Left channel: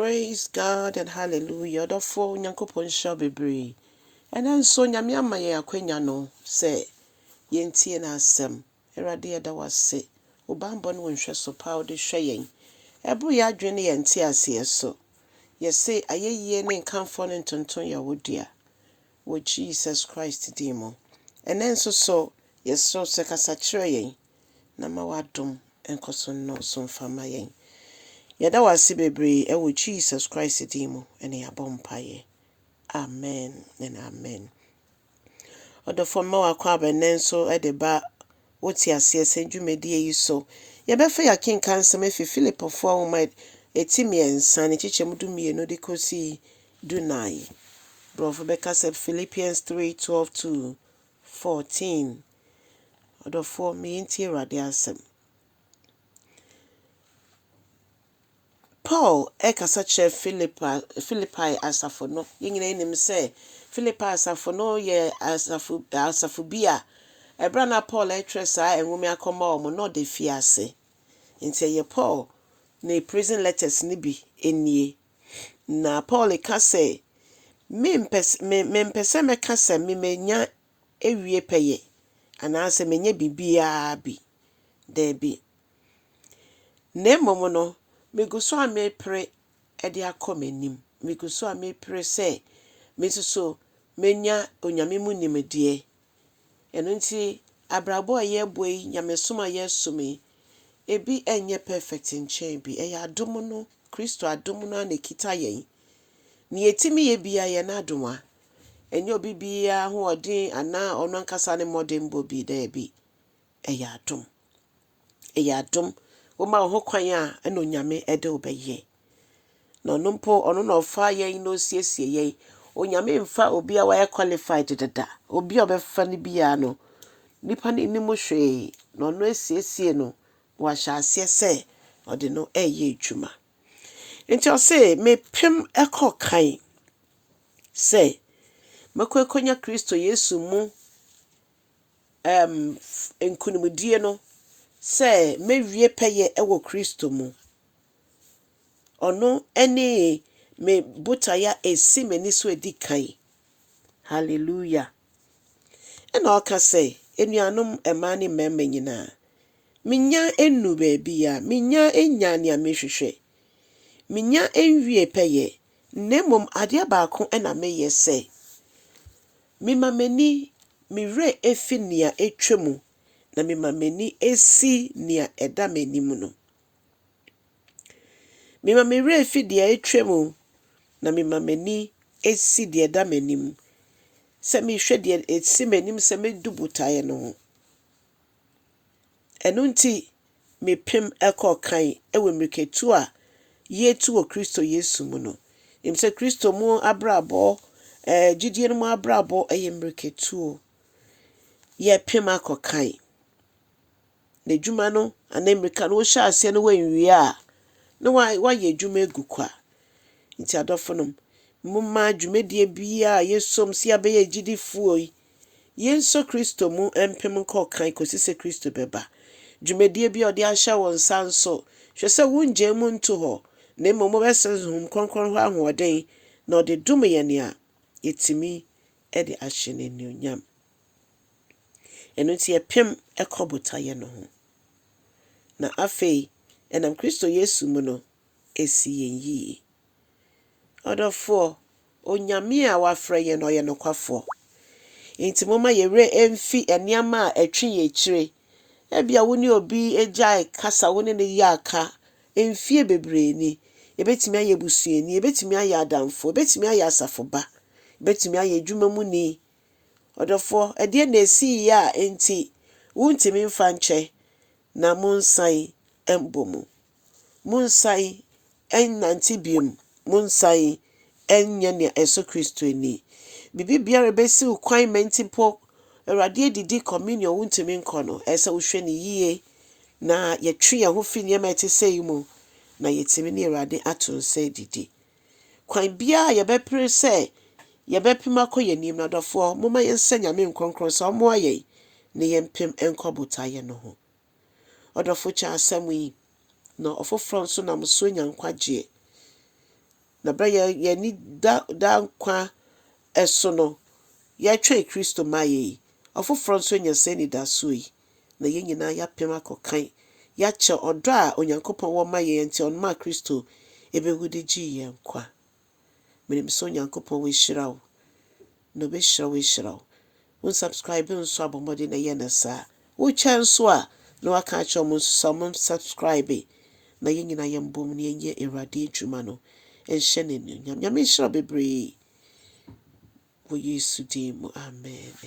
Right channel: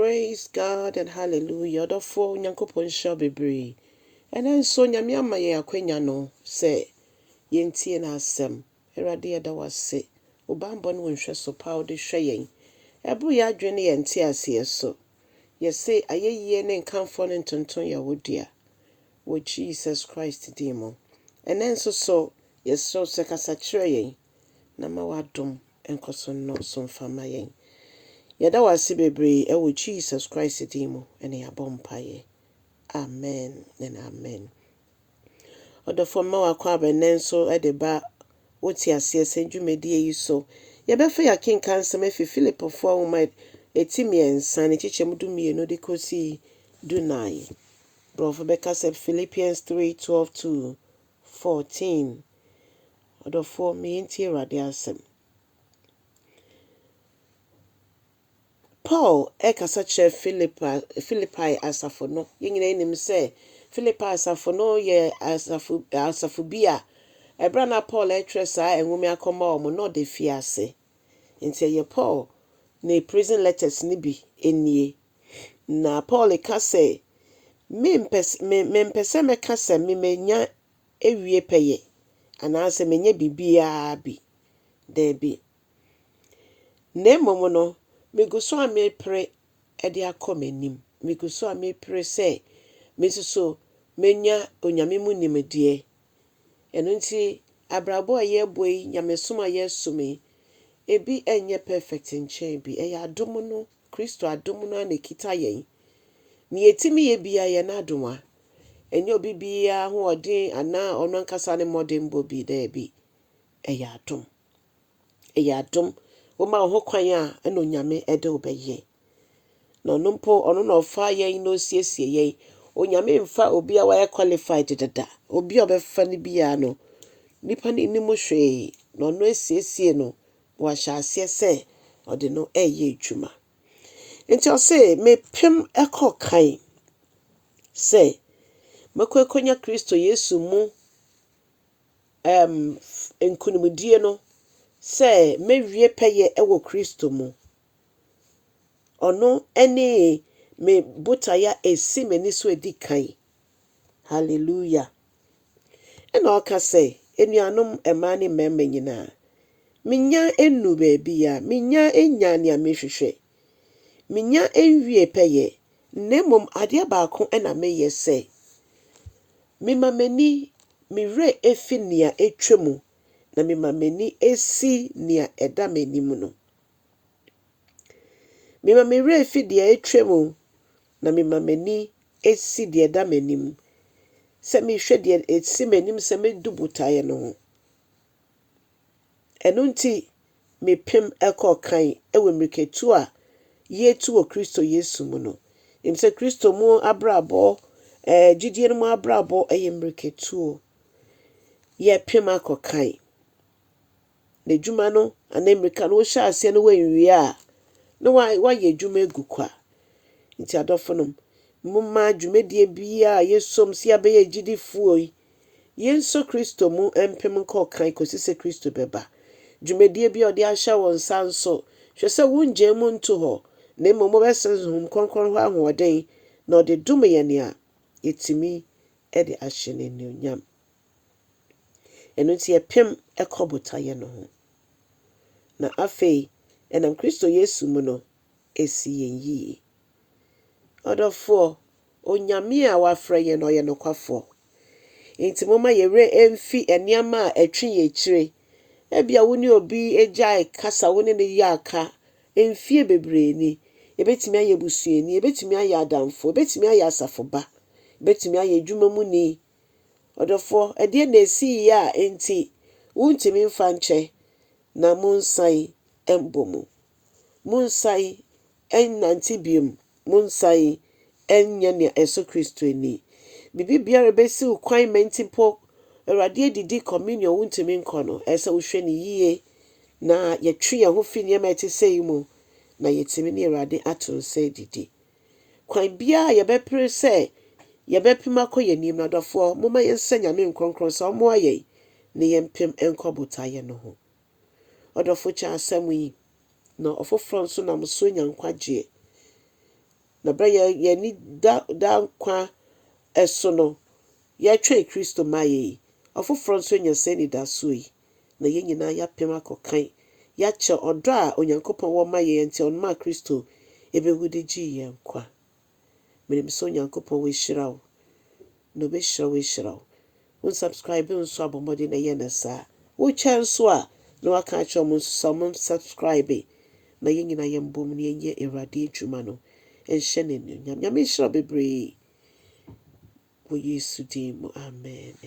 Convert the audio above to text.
Praise God and hallelujah. Therefore, Nyankopon shall be brave. And then so Nyamiama ye akwenya no say yentie na asem. Erade eda wase. Obambo no nhwe so pa ode hwe yen. Ebru ya adwene yente ase so. Ye say ayeye ne nkamfo ne ntonton ya wodua. Wo Jesus Christ dimo. And then so yes so se kasa kire yen. Na ma wadom enkoso no so mfama yen. Yada wase bebre ewo Jesus Christ dimo ene yabompaye. Amen and amen. Odo for ma wakwa benenso edeba woti ase senjumedie yi so. Ye befa ya king kansa mefi Philipofoɔ wo mai etimi ensa ne chichemu du mienu de kosi dunai. Brofo beka said Philippians 3:12-14. Odo for me enti erade asem. Paul ekasa che Philippi asafo no yengina enim se Philippi asafo no ye asafo bia ebra na Paul etresa enwumi akoma omo no de fiase nti ye Paul na prison letters ni bi enie na Paul ka se me mpese me ka se me menya ewie peye anase menya bibia bi de bi nemomo no meguso a me pre ede akomanim meguso a me pre se mesuso menya onyame mu nimdie eno nti abrabo a ye boy nyamesoma ye sumi ebi enye perfect nchen bi eya adom no Kristo adom no na kita yen ni etimi ye bia ye na adoma enye obi bia ho odin ana ono nkasa ne modern bobi da bi eya adom Oma ho kwan a eno nyame ede obeye no numpo ono no fa yen no siesie yen onyame mfa obi a waya qualified dada obi obefa ne bia no nipa ne nimu hwe no no esiesie no wa hyase se ode no eye adwuma enti o se me pem ekokan se makokonya Kristo Yesu mu enkunimudie no se mewie peye ewo Kristo mu ono ene me botaeɛ esi mani so edikan hallelujah ena oka se enuanom ema ne mema nyina minya enu baabi a minya enya ne amehwehwe minya enwie peye nemom ade baako ena meye se mimamani mire efi nia etwemu na mimamani esi nia eda manimu no mimamire efi de etwemu na mimamani esi de eda manimu se mi hwe de esi manimu se me du botaeɛ no ho eno nti me pem ekokan ewe mriketu a yetu o Kristo Yesu mu no imse Kristo mu abrabo gidie no mu abrabo eye mriketu ye pem akokan na dwuma no anemrika no hya ase no wanwie a no wa ye dwuma egukwa nti adofonom mumma dwumadie bia yesom si abeye gidifuo yi yenso Kristo mu empem nkokan kosise Kristo beba dwumadie bia ode ahya won sanso hwese wunje mu nto ho na momo besezum kronkron ho ahoden na ode dum ye ne a yetimi ede ahye ne nyonyam eno ti epem ekobotaye no ho na afei enam Kristo Yesu mu no esi yenyi odofo onyame a wafra ye no ye nokwafo enti moma yere emfi eniama a etwe ye kire ebia woni obi ejai kasa woni ne yaka emfie bebre ni ebetimi aye busueni ebetimi aye adamfo ebetimi aye asafoba ebetimi aye dwuma mu ni odofo ede na esi ya enti wuntimi mfa nche na munsai embomu munsai ennantibium munsai enya ne Yesu Kristo ni bibi biara besi ukwan mentipo erade didi communion wuntimi nkono esa wohwe ne yie na yetwe ye ho fi ne metesei mu na yetimi ne erade atonse didi kwan bia ye bepre se ye bepima koye nim na dofo moma yensa nyame nkronkron so mo aye ne yempem enkobotaye no ho odofo cha asem yi no ofofro nso na mso nyankwaje na bra ye ni da nkwa eso no ye twa Kristo maye ofoforo nso nya sani da so yi na ye nyina ya pem akokan ya che odo a onyankopon wo maye enti on ma Kristo ebehudi ji ye nkwa menim so onyankopon we shiraw no be shiraw unsubscribe nso abomode na ye na sa wo chanso a no aka cho mo so subscribe na ye nyina ye mbom ne ye Awurade adwuma no enhye ne nyam nyam shira bebre wo Yesu dim amen.